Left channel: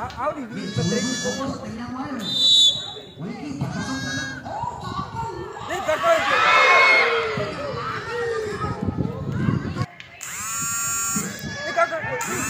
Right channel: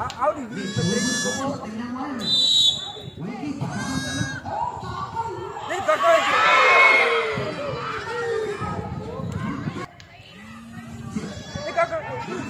Audi di Petri semua. Nih kakak. Nih kakak. Nih kakak.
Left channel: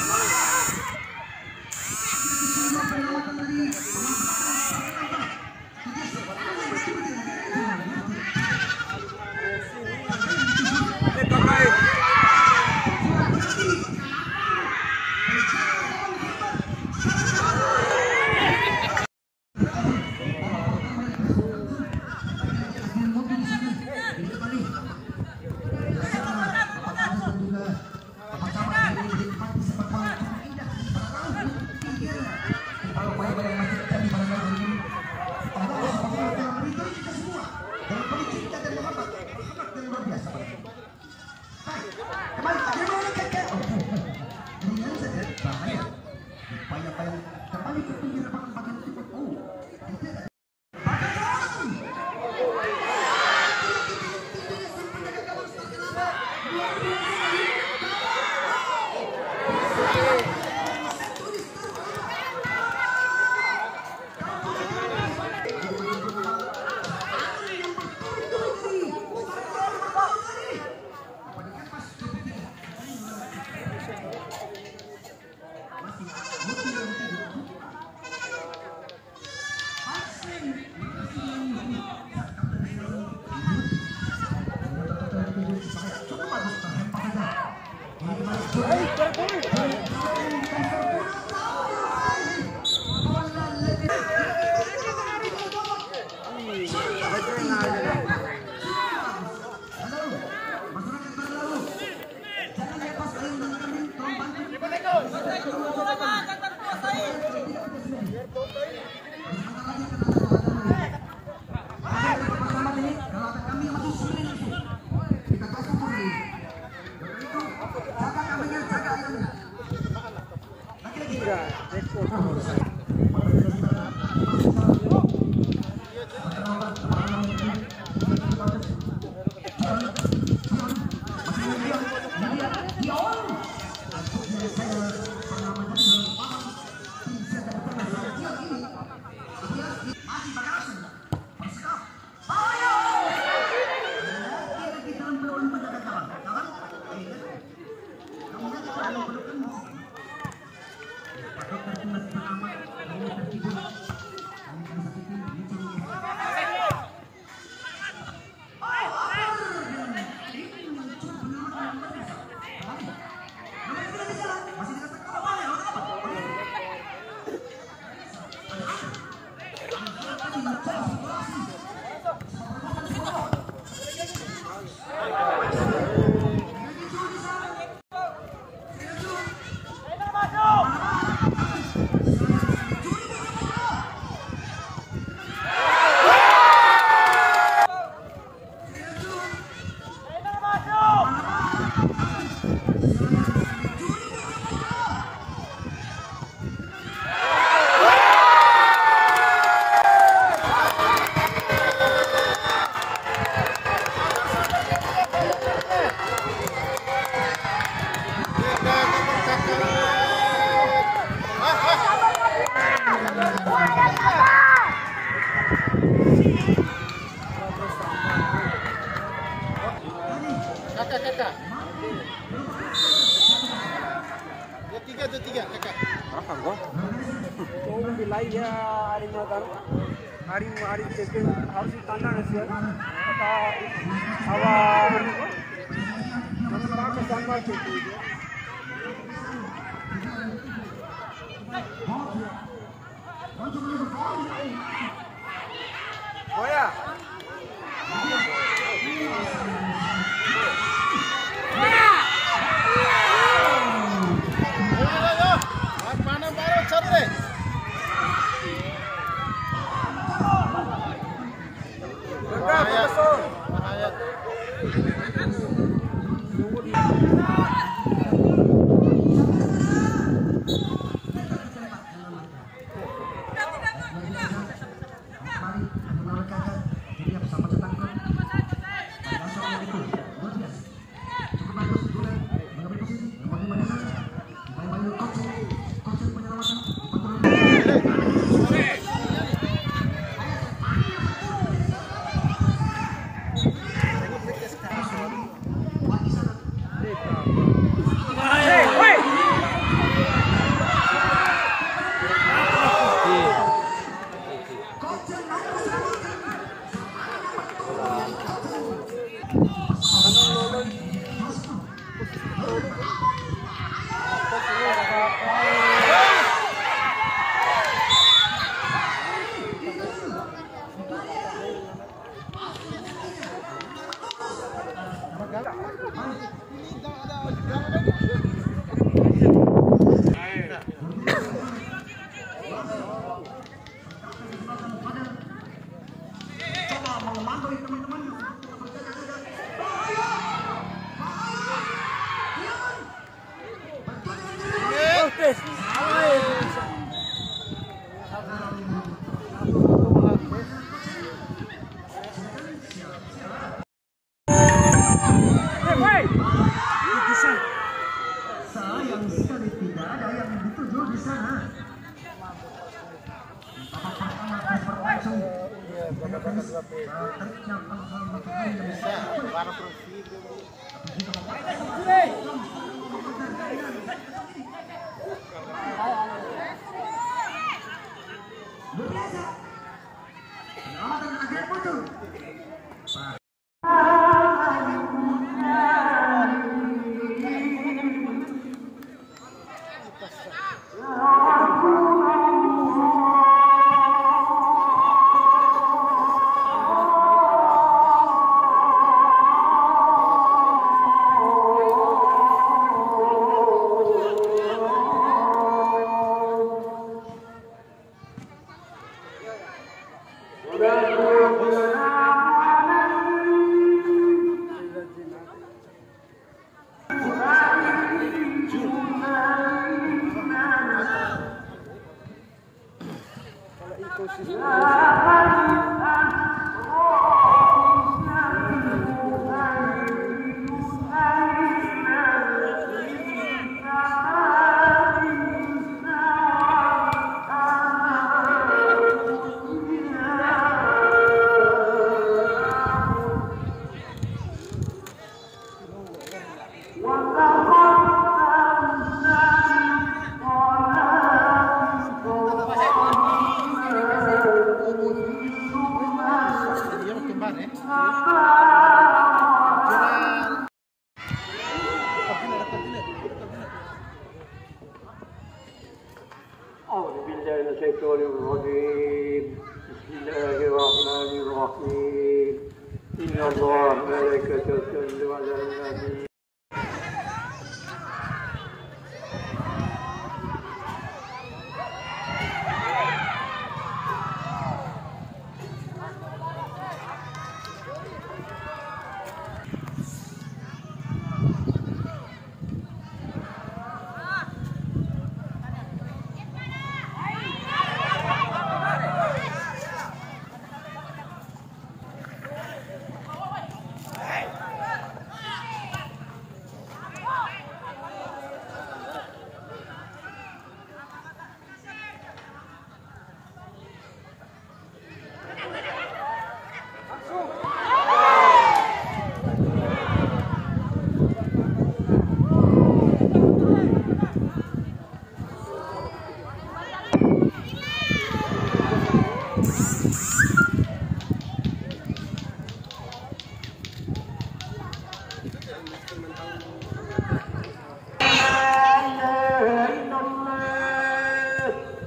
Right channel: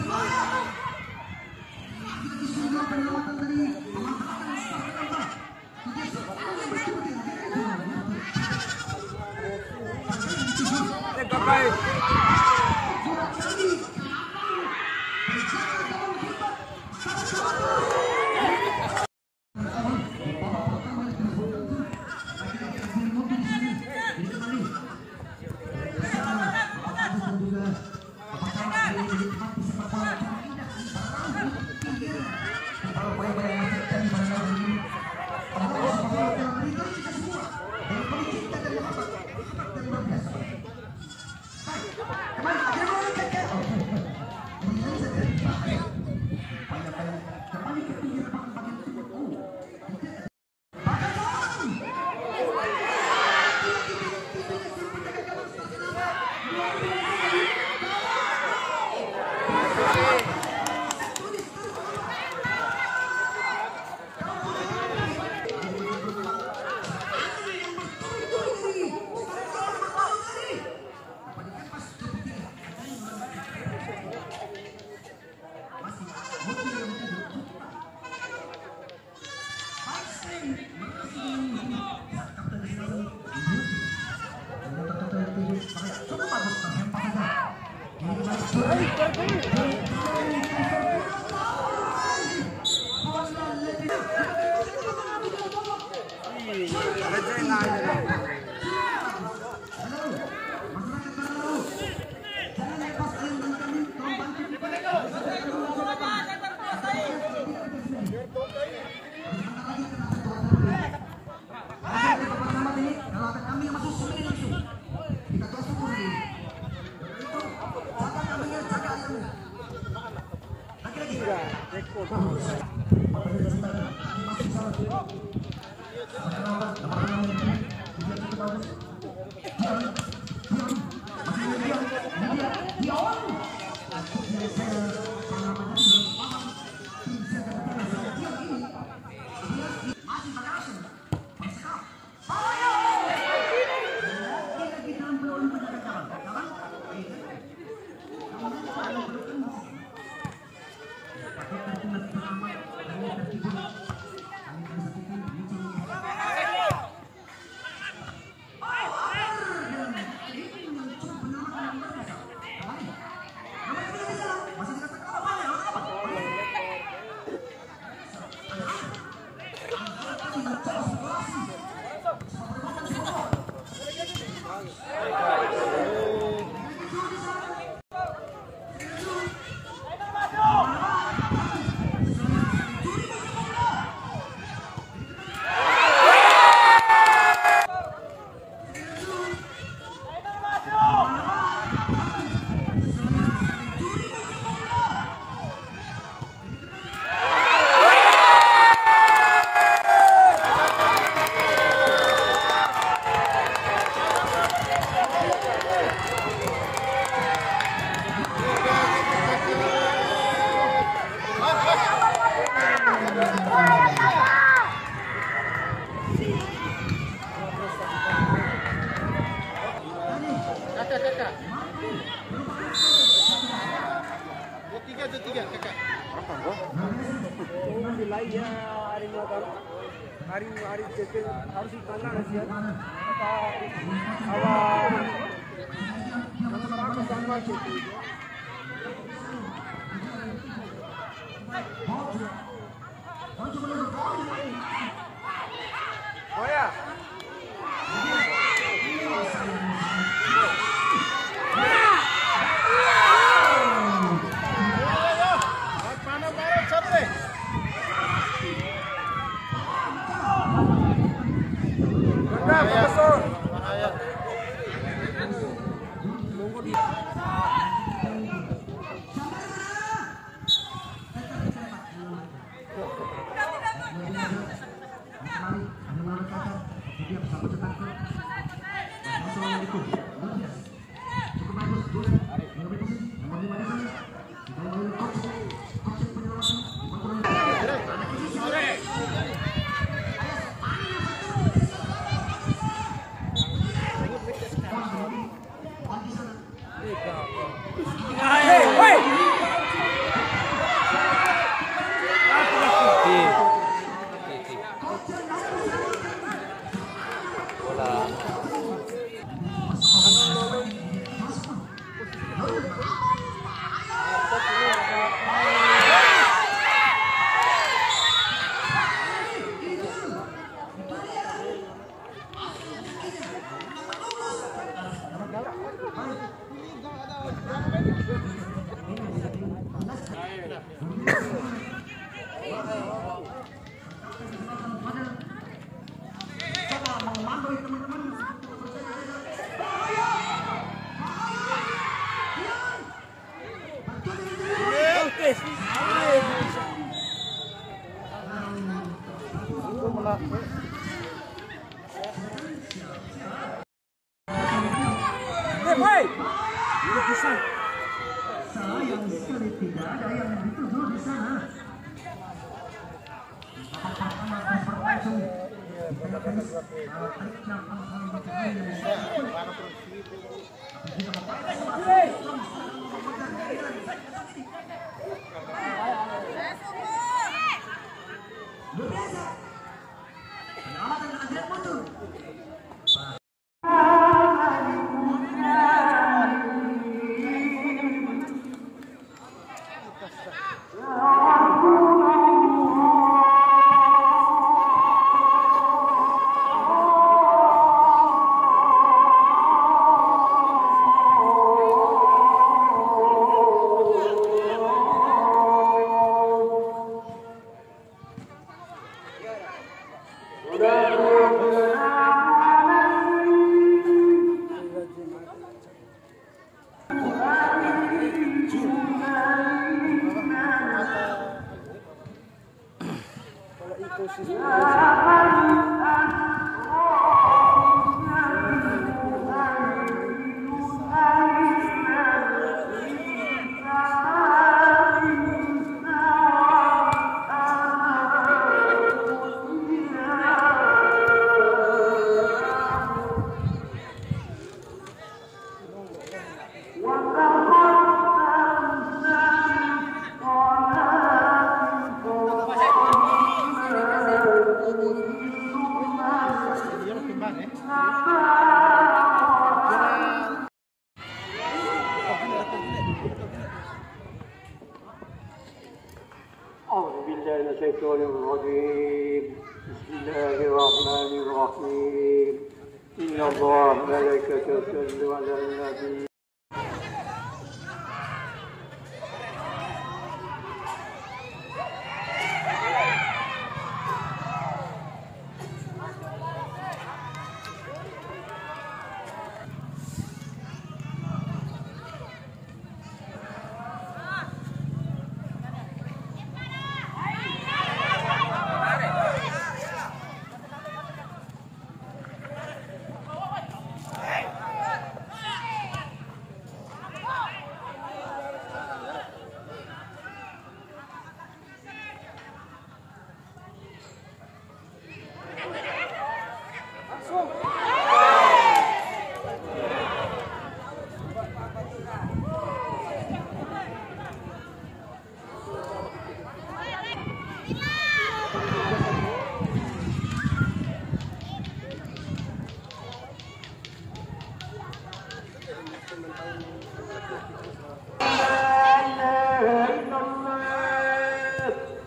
Hari itu harus ditandang sih. Tunggu di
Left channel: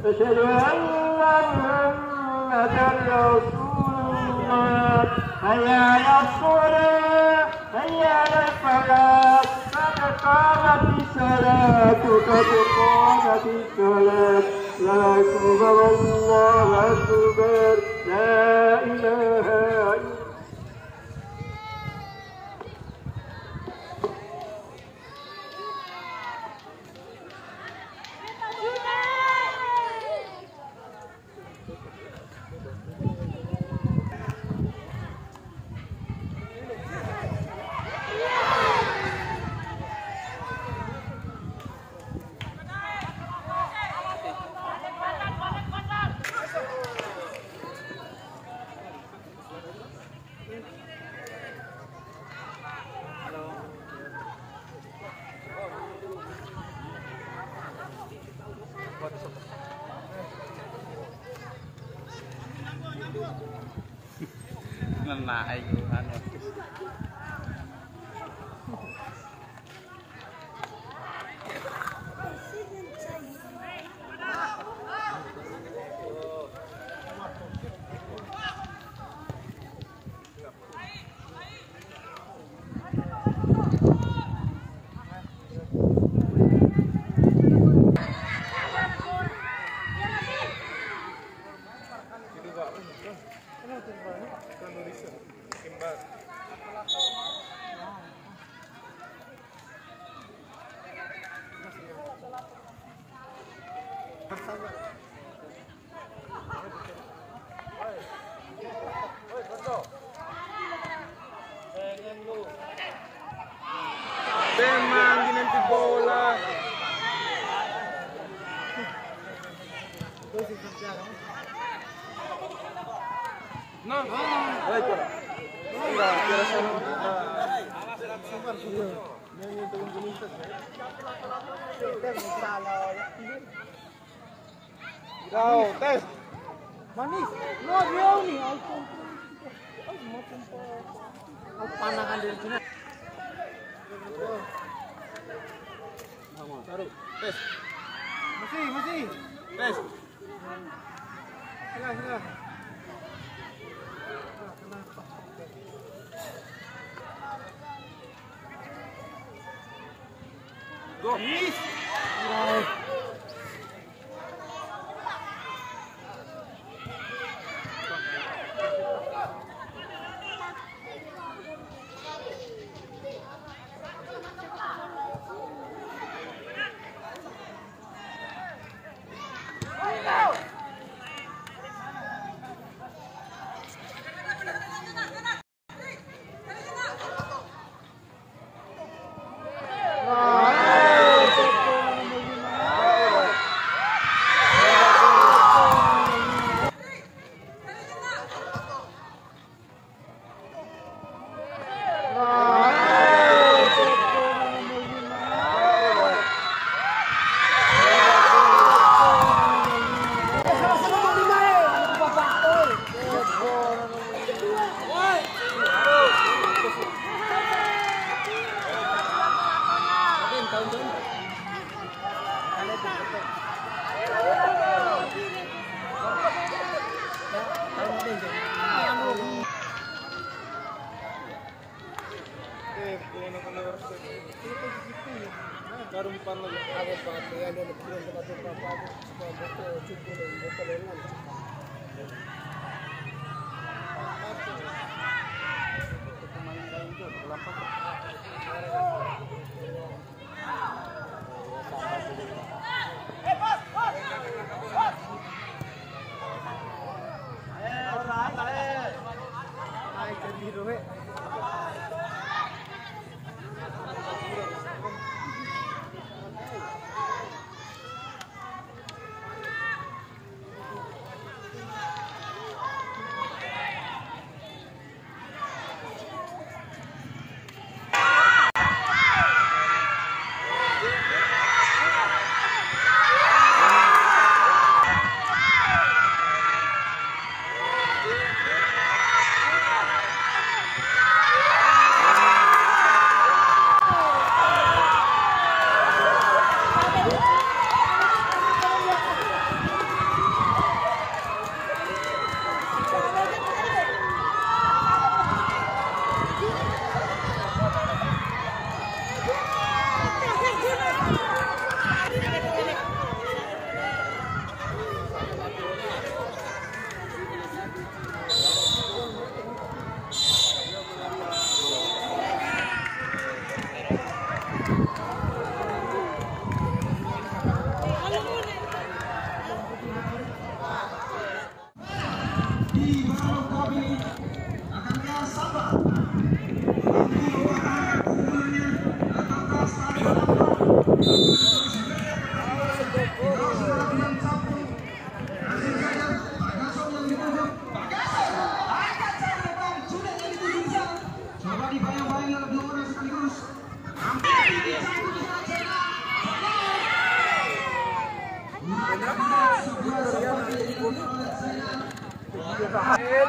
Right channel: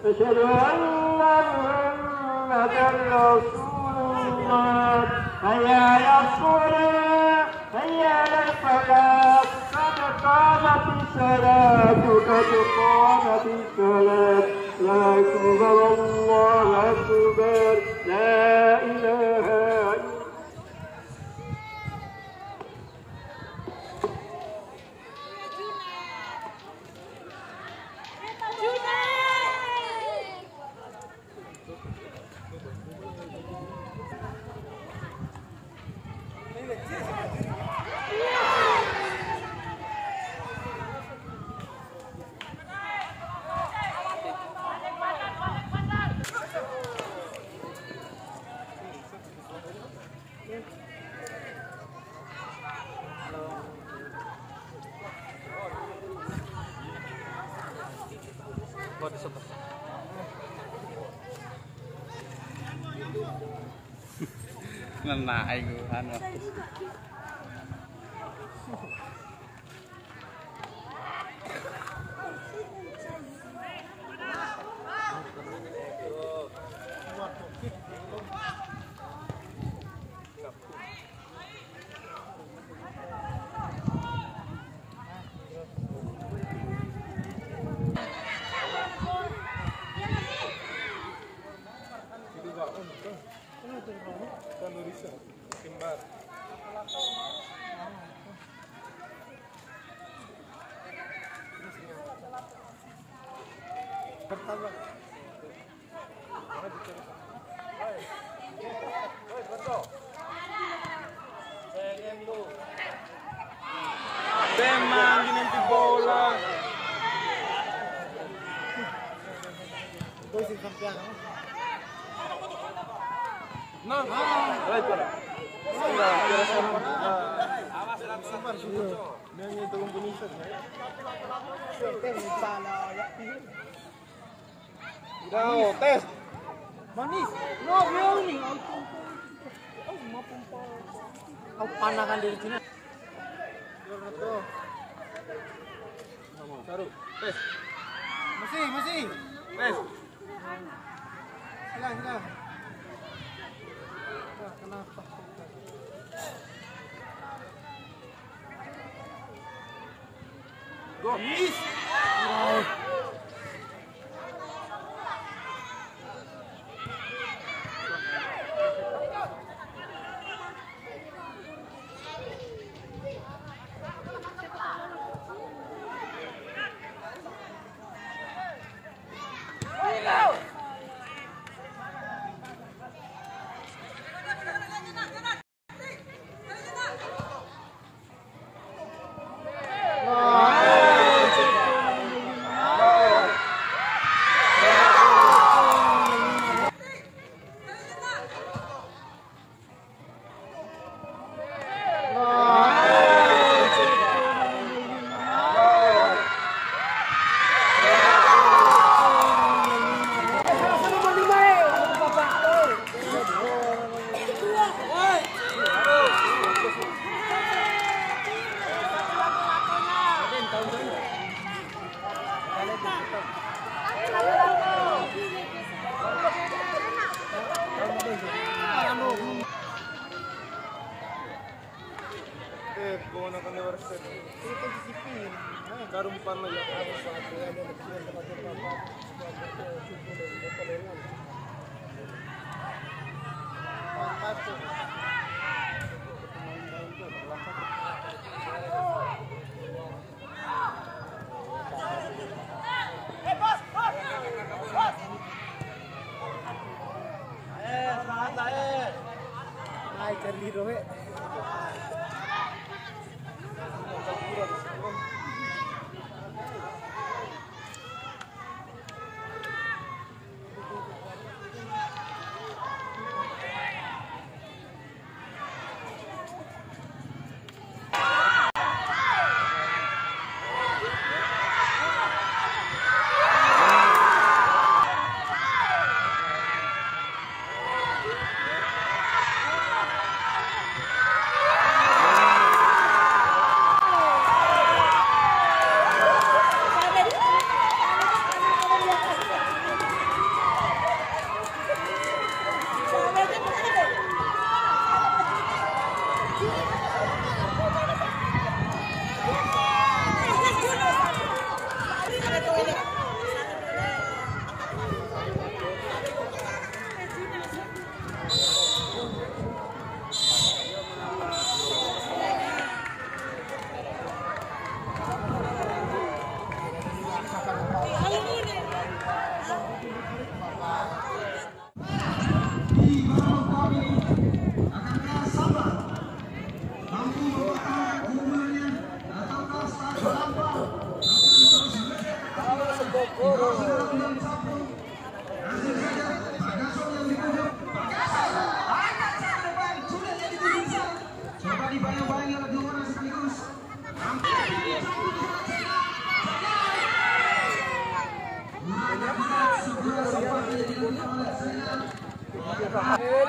أشهد أن محمدا رسول الله حي على الصلاة حي على الفلاح قد قامت الصلاة قد قامت الصلاة لا أكبر الله أكبر لا إله إلا Nenai anu. Memang nanti bola. No. Aray para. Enggak, kira sana. Iya. Yang itu kuningan. Daw, tes. Manis. No, dia nih. Aku panakan dari sini. Taruh, tes. Masih. Tes. Hilang. Kenapa? Go, miss. Karumpan lagi.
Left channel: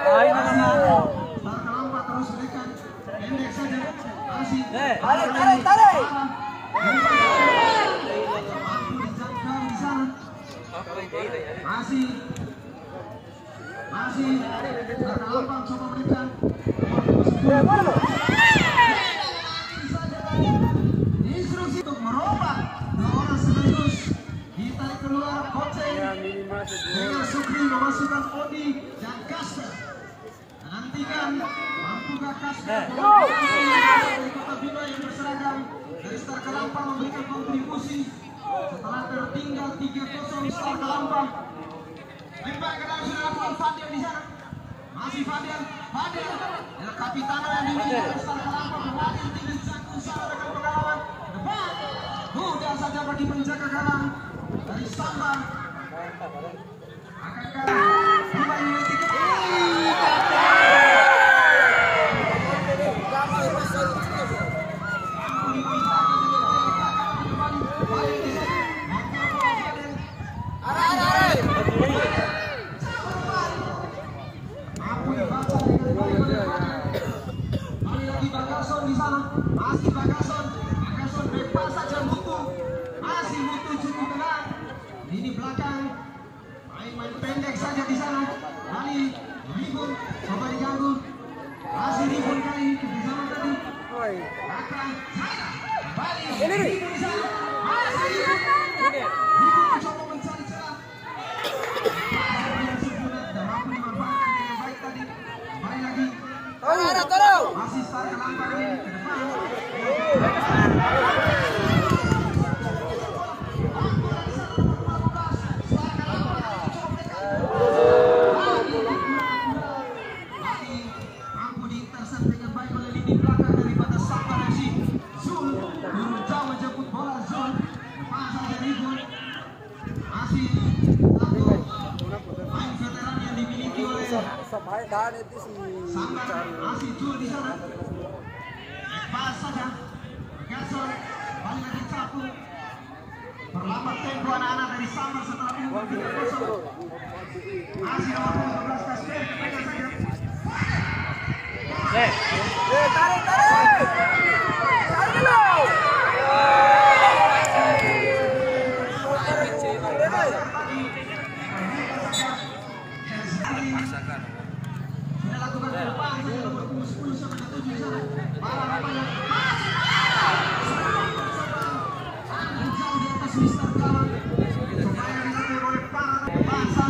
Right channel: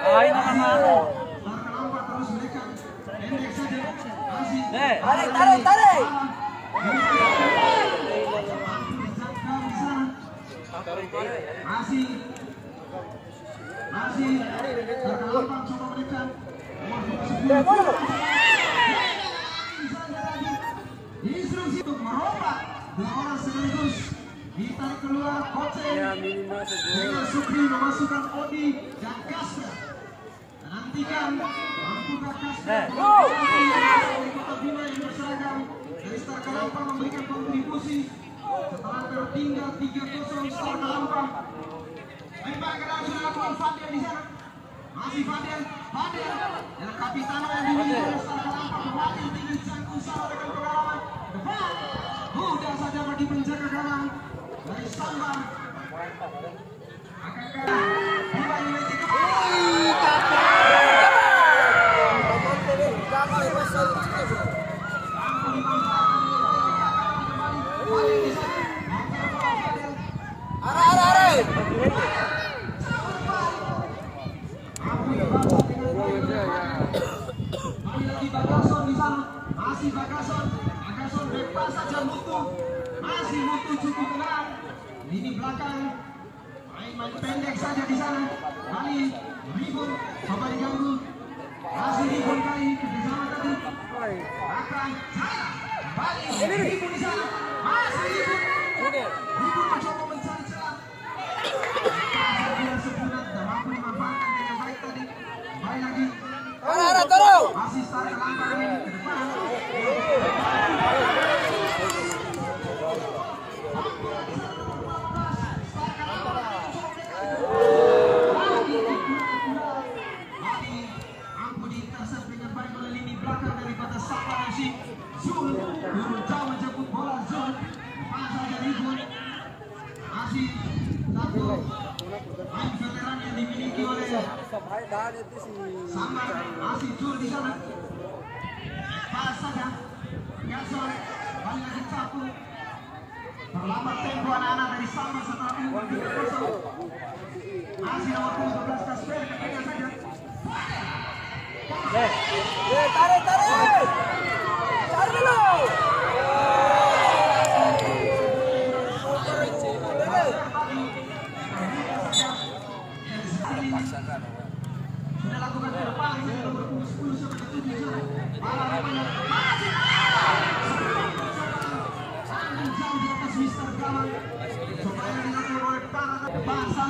Ay na naman. Tarik. Ya minimal segol. Tertinggal 3-0 Samba Lampang. Lempar ke dalam Fadil di sana. Masih Fadil. Ya kapitana yang dimiliki Samba Lampang. Fadil tidak sanggup dengan pengalaman. Mudah saja bagi penjaga gawang dari Samba. Akankah Bima United lagi ribut, coba diganggu. Masih ribut kali kerjasama tadi. Akan China kembali ribut di sana. Masih ribut. Ribut mencoba mencari celah. Sempurna dan mampu dimanfaatkan dengan baik tadi. Kembali lagi. Masih start kelempar ini ke depan. Sambar masih jul di sana. Pas saja. Gasol balik lagi sapu. Perlambat tempo anak-anak dari Sambar setelah unggul 3-0. Masih nomor 12 Kasper kepegang saja. Tarik dulu. Sudah lakukan ke depan. Supaya dilakukan oleh para bangsa.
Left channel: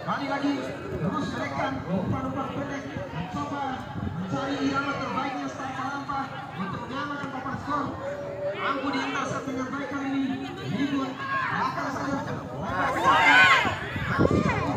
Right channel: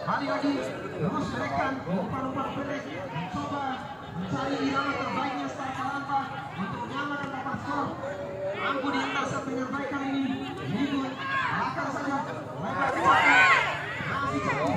Kali lagi terus menekan umpan-umpan pendek, mencoba mencari irama terbaiknya start Kalampah untuk menyamakan dapat skor. Mampu dihentaskan dengan baik kali ini. Minggun akan saja lebar ke satu. Masih satu.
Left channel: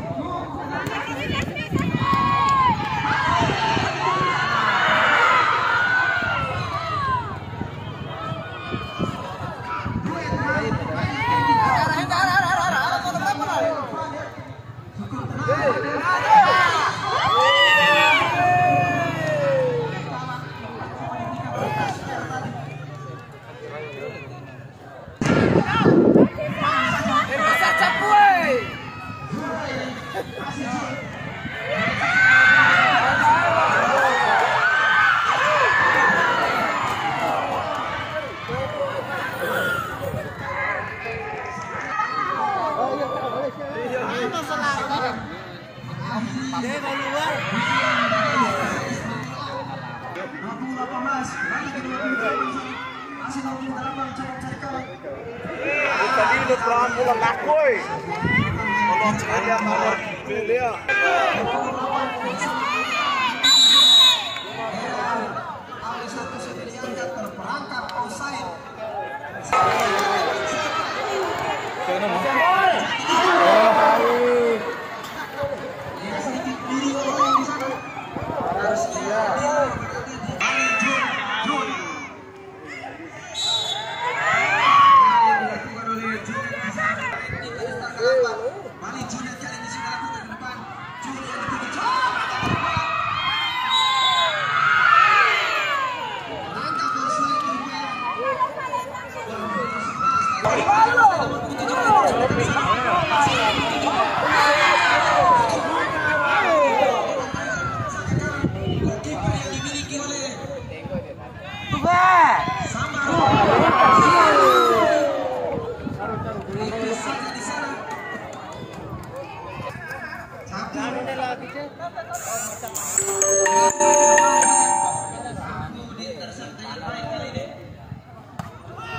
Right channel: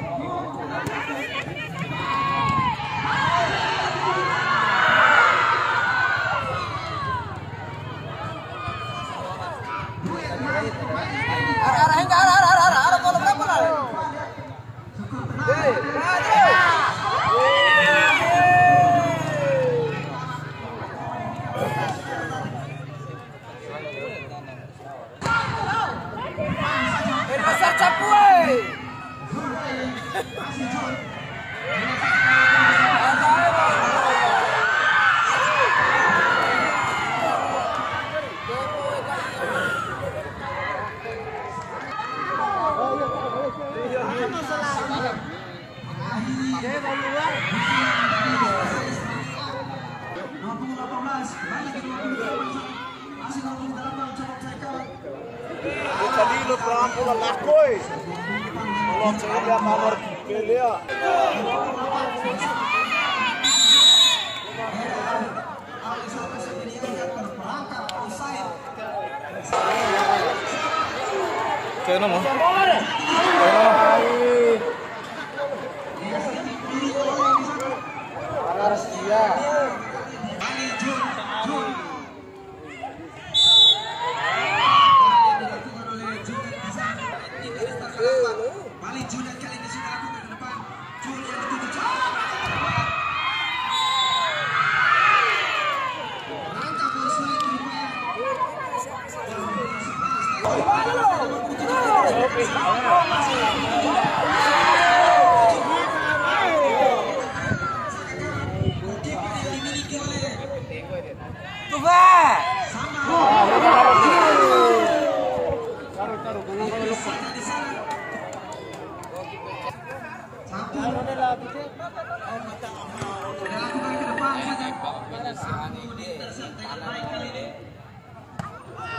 Udah berapa pulang lakoy. Kalau saya kamar dia.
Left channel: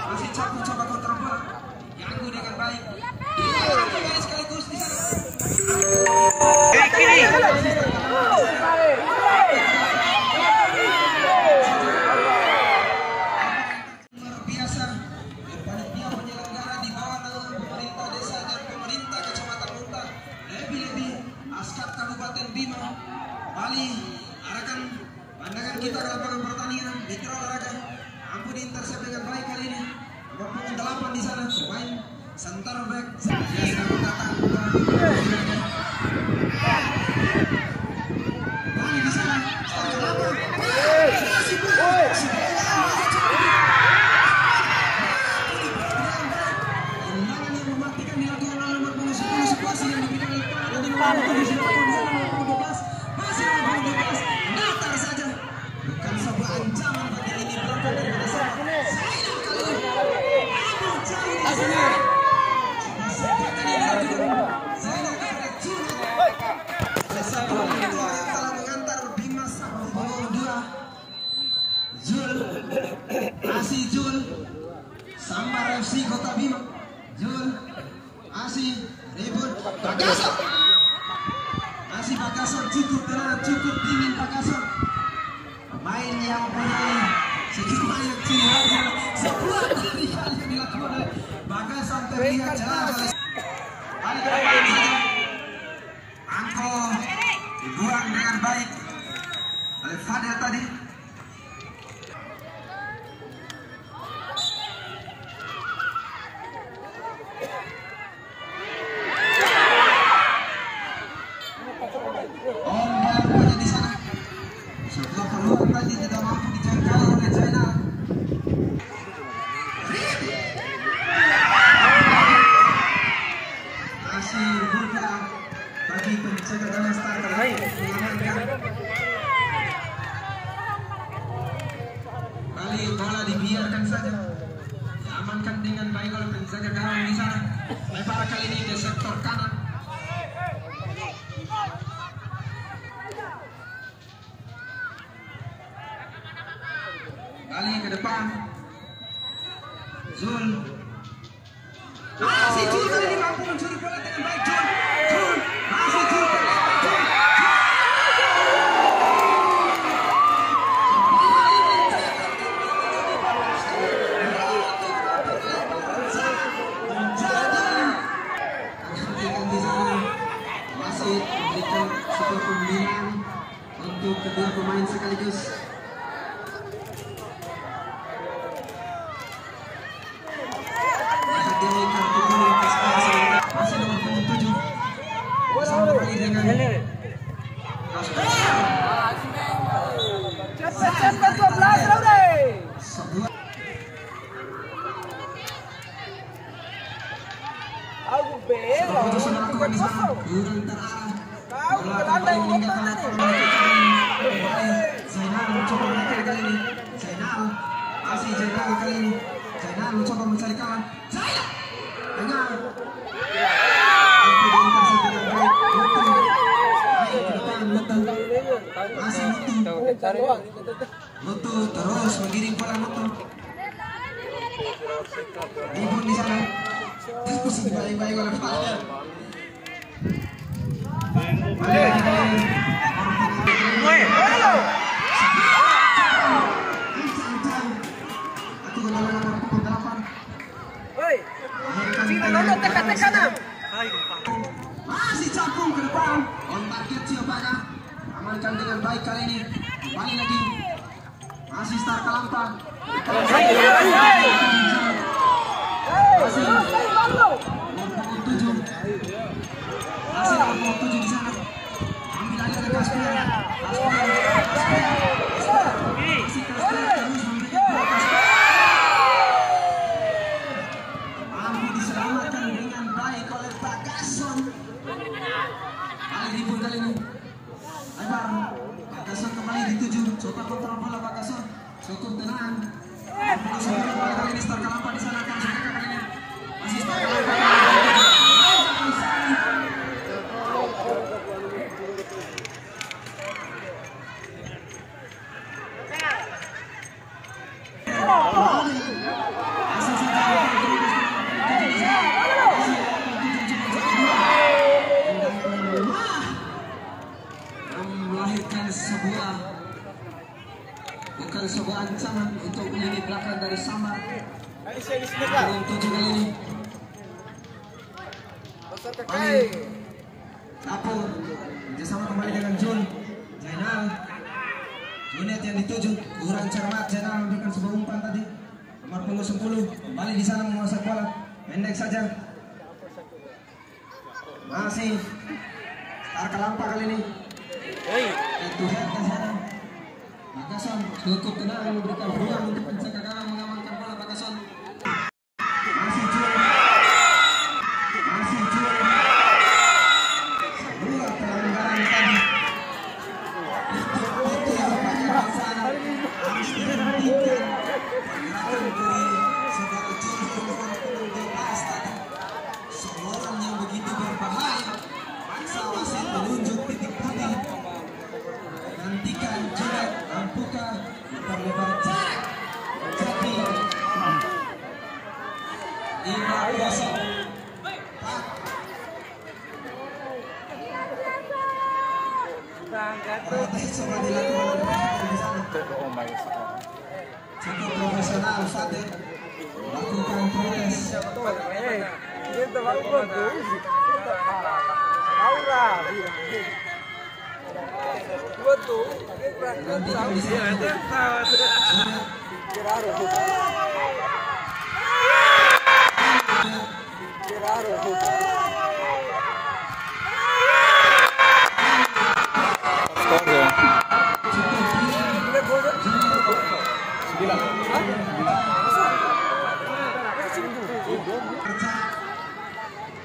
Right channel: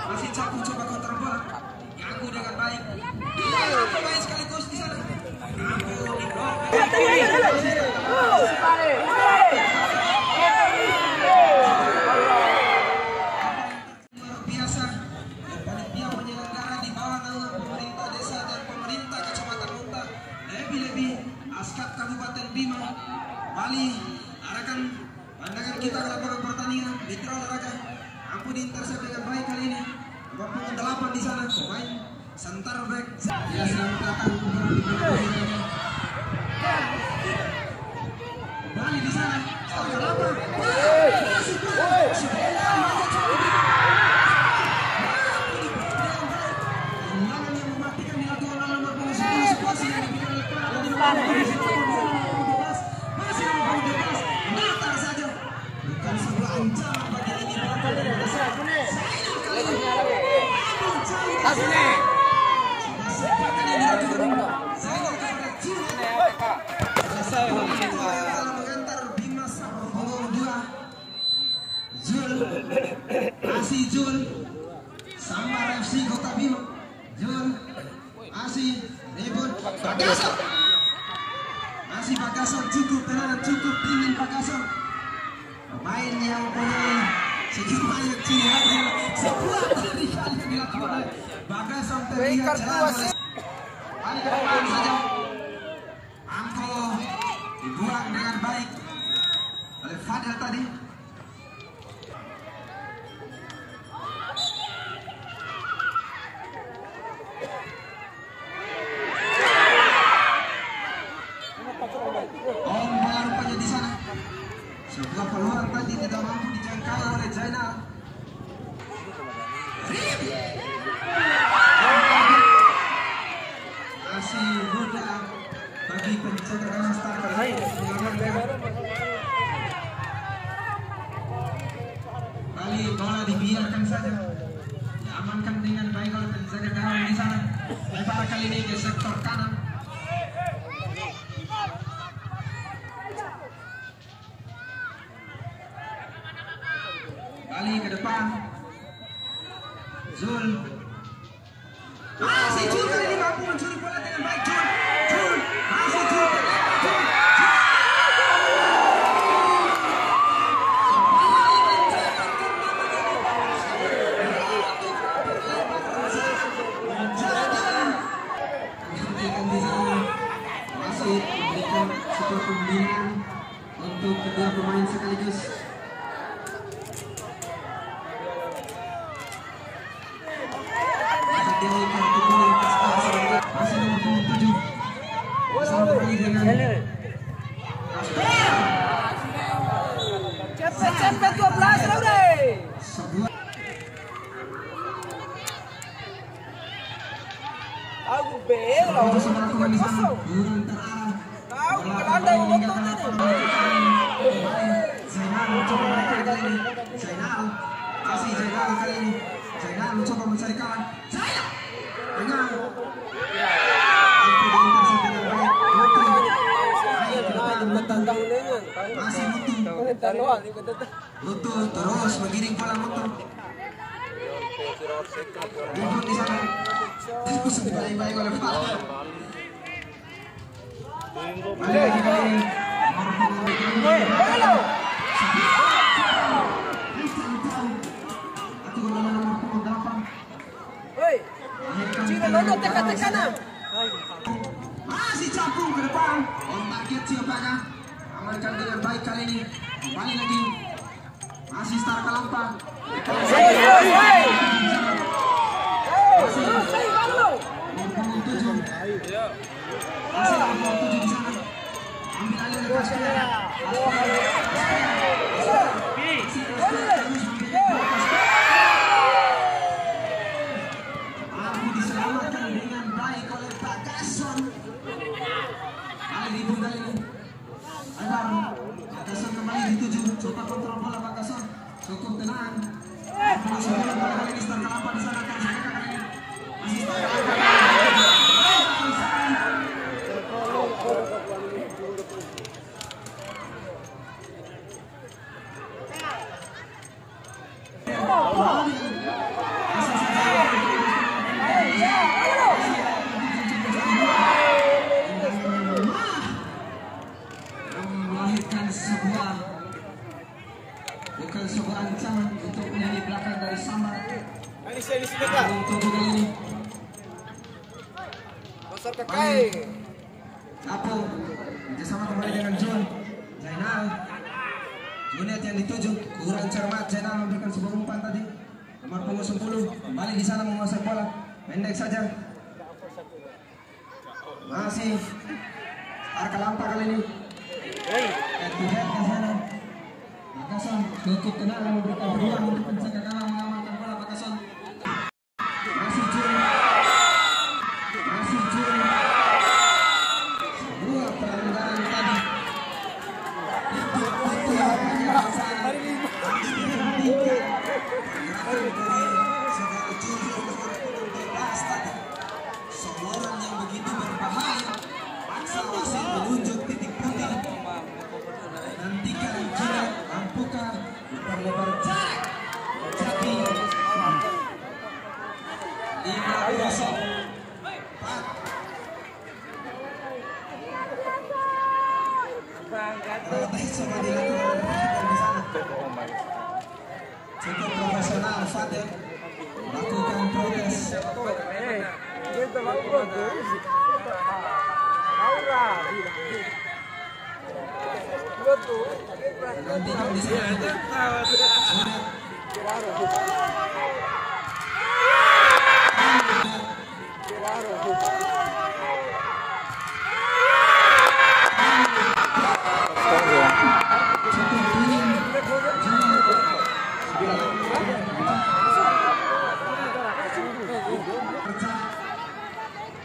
Masih Capu coba counter bola. Ganggu dengan baik. Dia kembali sekaligus di sana. Luar biasa. Panitia penyelenggara di bawah naungan pemerintah desa dan pemerintah Kecamatan Unta. Lebih-lebih Askap Kabupaten Bima, Bali, arahkan pandangan kita dalam pertandingan mitra olahraga. Ampun intercept dengan baik kali ini. Nomor 8 di sana pemain center back. Bali di sana. Tendangan yang mematikan dilakukan oleh nomor 10 situasi yang diberikan oleh masih nomor 12 datar saja. Bukan sebuah ancaman bagi ini berapa dari desa. Jul Sambar FC Kota Bima. Jul Asi Rebut Bagasan. Masih Bagasan cukup tenang, cukup dingin Bagasan. Pemain yang mempunyai sejumlah yang ciri sebuah kali dilakukan oleh Bagasan terlihat jelas. Angko dibuang dengan baik oleh Fadel tadi. Setelah peluang tadi tidak mampu dijangkau oleh Zainal. Masih buka bagi penjaga gawang starter mengamankan. Kali bola dibiarkan saja, diamankan dengan baik oleh penjaga gawang di sana. Lebar kali ini ke sektor kanan. Kali ke depan Zul. Si Zul kali ini mampu mencuri bola dengan baik. Zul masih Zul. Masih memberikan sebuah pembinaan untuk kedua pemain sekaligus. Kartu kuning masih nomor 7 bersama dengan Cepet 12 Laure. Aku bero. Zainal mencoba menaikkan kali ini. Zainal kali ini. Zainal mencoba mencari kawan. Sayang. Dengan mampu diintersep dengan baik. Masih Mutu terus mengirim bola Mutu. Ribut di sana. Baik-baik oleh Fadel. Balik lagi kali ini. Woi, Cina lono teka-teka nam. Masih capung ke depan. Ombak kecil Paga. Amalkan dengan baik kali ini. Kembali lagi. Masih start Kalampang. Cukup tenang. Melahirkan bukan sebuah ancaman untuk menjadi belakang dari Samar. Untuk kali ini. Apel kerjasama kembali dengan Jun Zainal. Unit yang dituju kurang cermat. Zainal memberikan sebuah umpan tadi. Nomor punggung 10 kembali di sana menguasai bola. Pendek saja. Masih Arka Lampa kali ini. Itu head di sana. Bakasan cukup tenang memberikan ruang untuk mencegah kalah mengamankan bola Bakasan. Masih Jun. Sebuah pelanggaran tadi. Seorang yang begitu berbahaya. Bangsa menunjuk titik putih. Nantikan Jilat mampukah memperlebar jarak. Jadi Liga biasa. Sudah dilakukan cukup profesional Fadel melakukan protes. Gantikan di sana.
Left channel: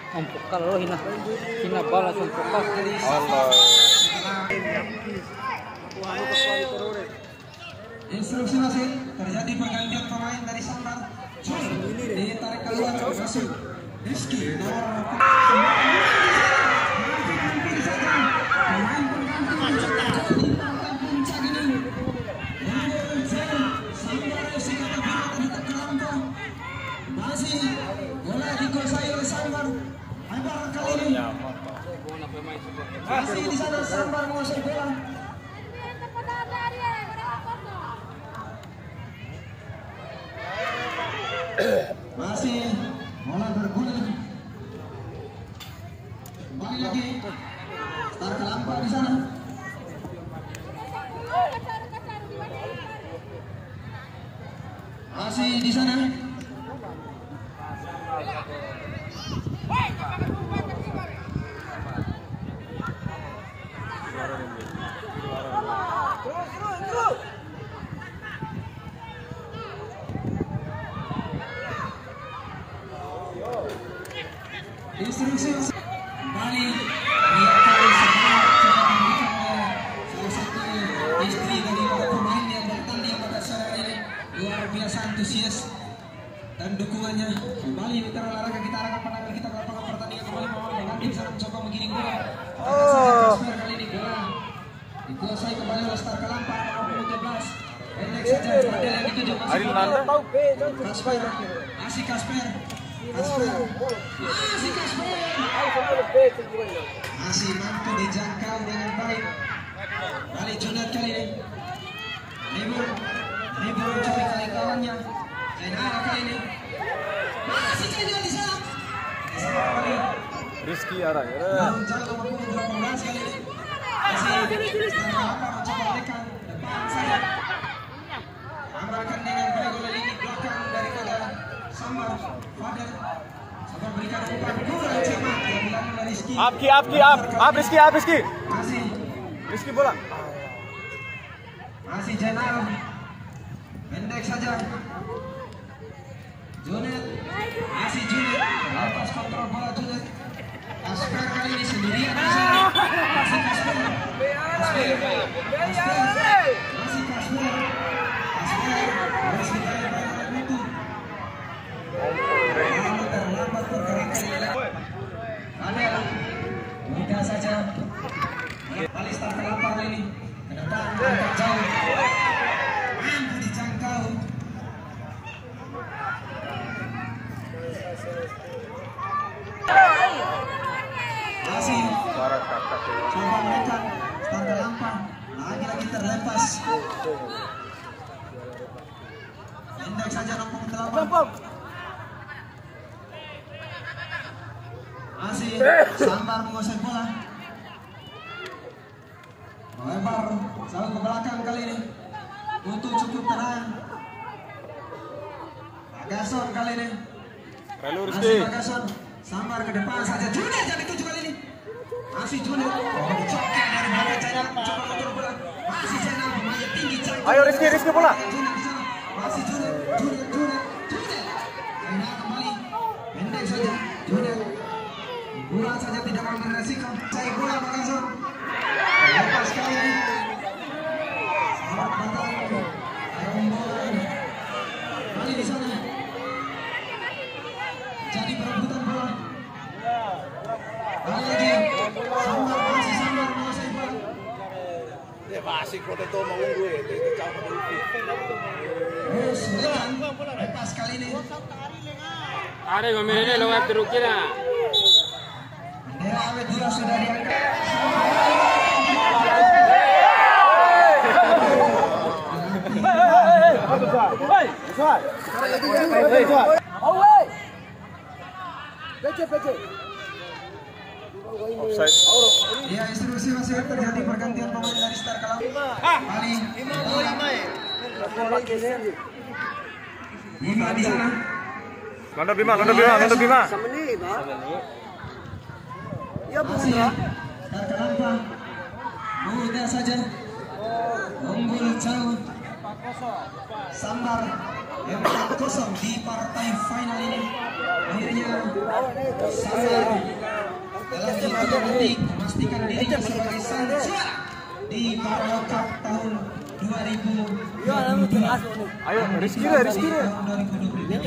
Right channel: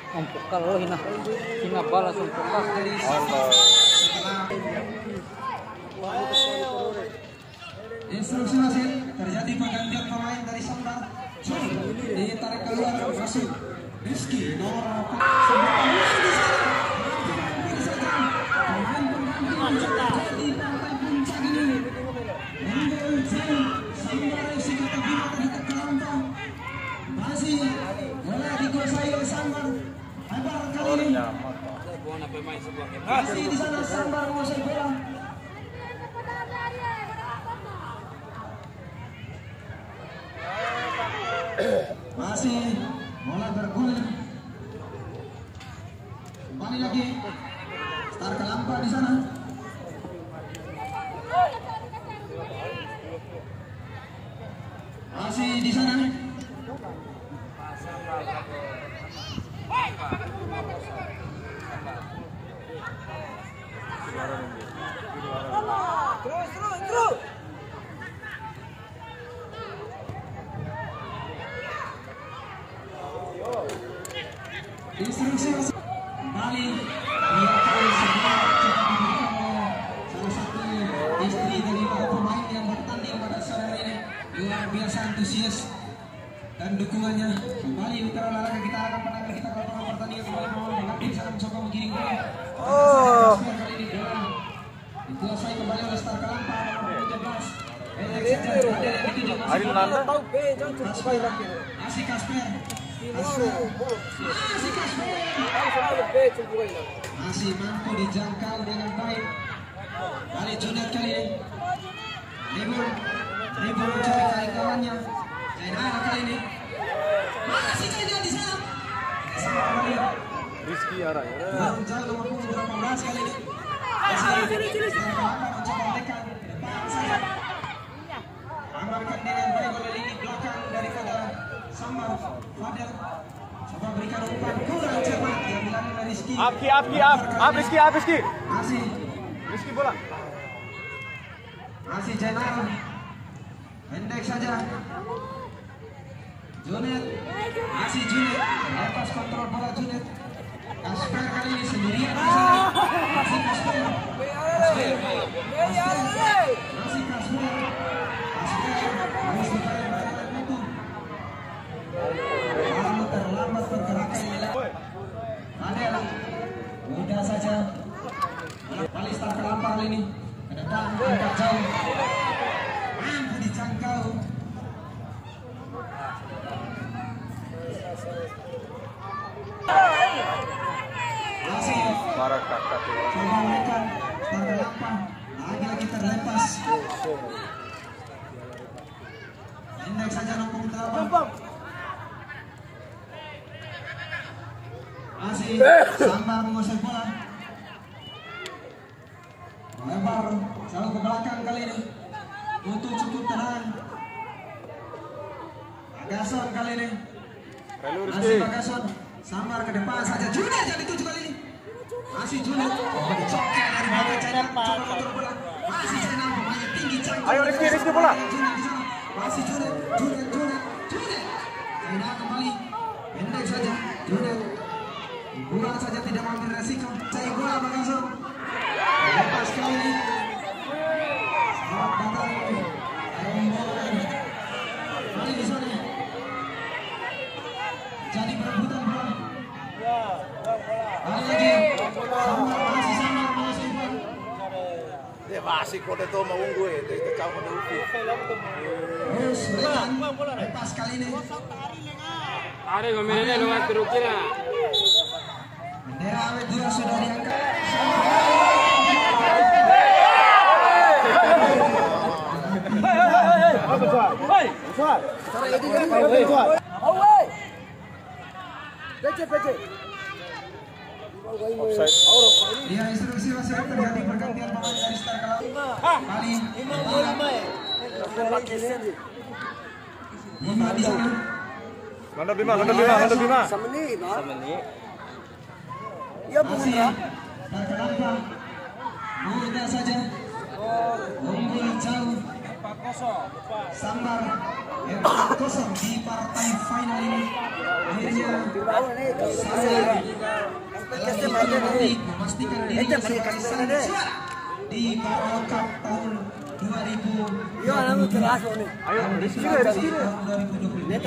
Umpukal lo hina balas umpukal. Allah. Instruksi wasit, terjadi pergantian pemain dari Sambar. Jul ditarik keluar masuk Rizky nomor 8. Masih di sana Sambar menguasai bola. Masih mulai bergulir. Kembali lagi. Start Lampa di sana. Masih di sana. Instruksi kembali diakui sebuah cepat diberikan oleh salah satu istri dari para pemain yang bertanding pada sore hari ini. Luar biasa antusias dan dukungannya. Kembali mitra olahraga kita arahkan pandangan kita ke lapangan pertandingan kembali mengganti saat mencoba menggiring bola. Kali ini bola dikuasai kembali oleh Star Lampa nomor 13. Ariel Nanda. Kasper. Masih Kasper. Masih mampu dijangkau dengan baik. Kali Junat kali ini. Ribu mencari kali kawannya. Zainal kali ini. Masih Zainal di sana. Rizky Arang. Menjaga mampu beberapa belas kali ini. Masih apa mencoba menekan. Amalkan dengan baik oleh lini belakang daripada Sambar Fadel. Sambar berikan umpan kurang cermat yang dilakukan oleh Rizky. Rizky. Masih bola. Masih Zainal. Pendek saja. Junet. Masih Junet. Lepas kontrol bola Junet. Kasper kali ini sendirian di sana. Masih Kasper. Masih Kasper. Masih terlambat pergerakan. Mudah saja. Balista terlampau ini. Ke depan agak jauh. Mampu dijangkau. Masih. Suara kakak ya. Coba menekan. Terlampau. Lagi terlepas. Pendek saja numpuk terlampau. Masih Sambar menguasai bola. Melebar selalu ke belakang kali ini. Untuk cukup tenang. Bagason kali ini. Masih Bagason. Sambar ke depan saja. Junet yang dituju kali ini. Masih Junet. Oh, dicokek dari belakang Zainal. Coba kontrol bola. Masih Zainal pemain tinggi cangkul. Ayo Rizky bola. Masih Junet. Zainal kembali. Pendek saja. Junet. Bola saja tidak mau beresiko. Cari bola Bagason. Lepas kali ini. Awak batang. Bola ini. Kali di sana. Jadi perebutan bola. Kali lagi. Masih Sambar menguasai bola. Ya masih kode to mau gue itu kacau pada itu. Terus berikan. Lepas kali ini. Ada ngomongnya lo nggak terukira. Bendera awet juga sudah diangkat. Offside. Ya, instruksi masih terjadi pergantian pemain dari start kalau Bali. Bima di sana. Mantap Bima. Masih terlampau. Mudah saja. Unggul jauh. Sambar 4-0 di partai final ini. Akhirnya saya lagi memastikan dirinya sebagai sang juara di Carabao Cup tahun 2022. Ayo Rizky. Tahun 2022.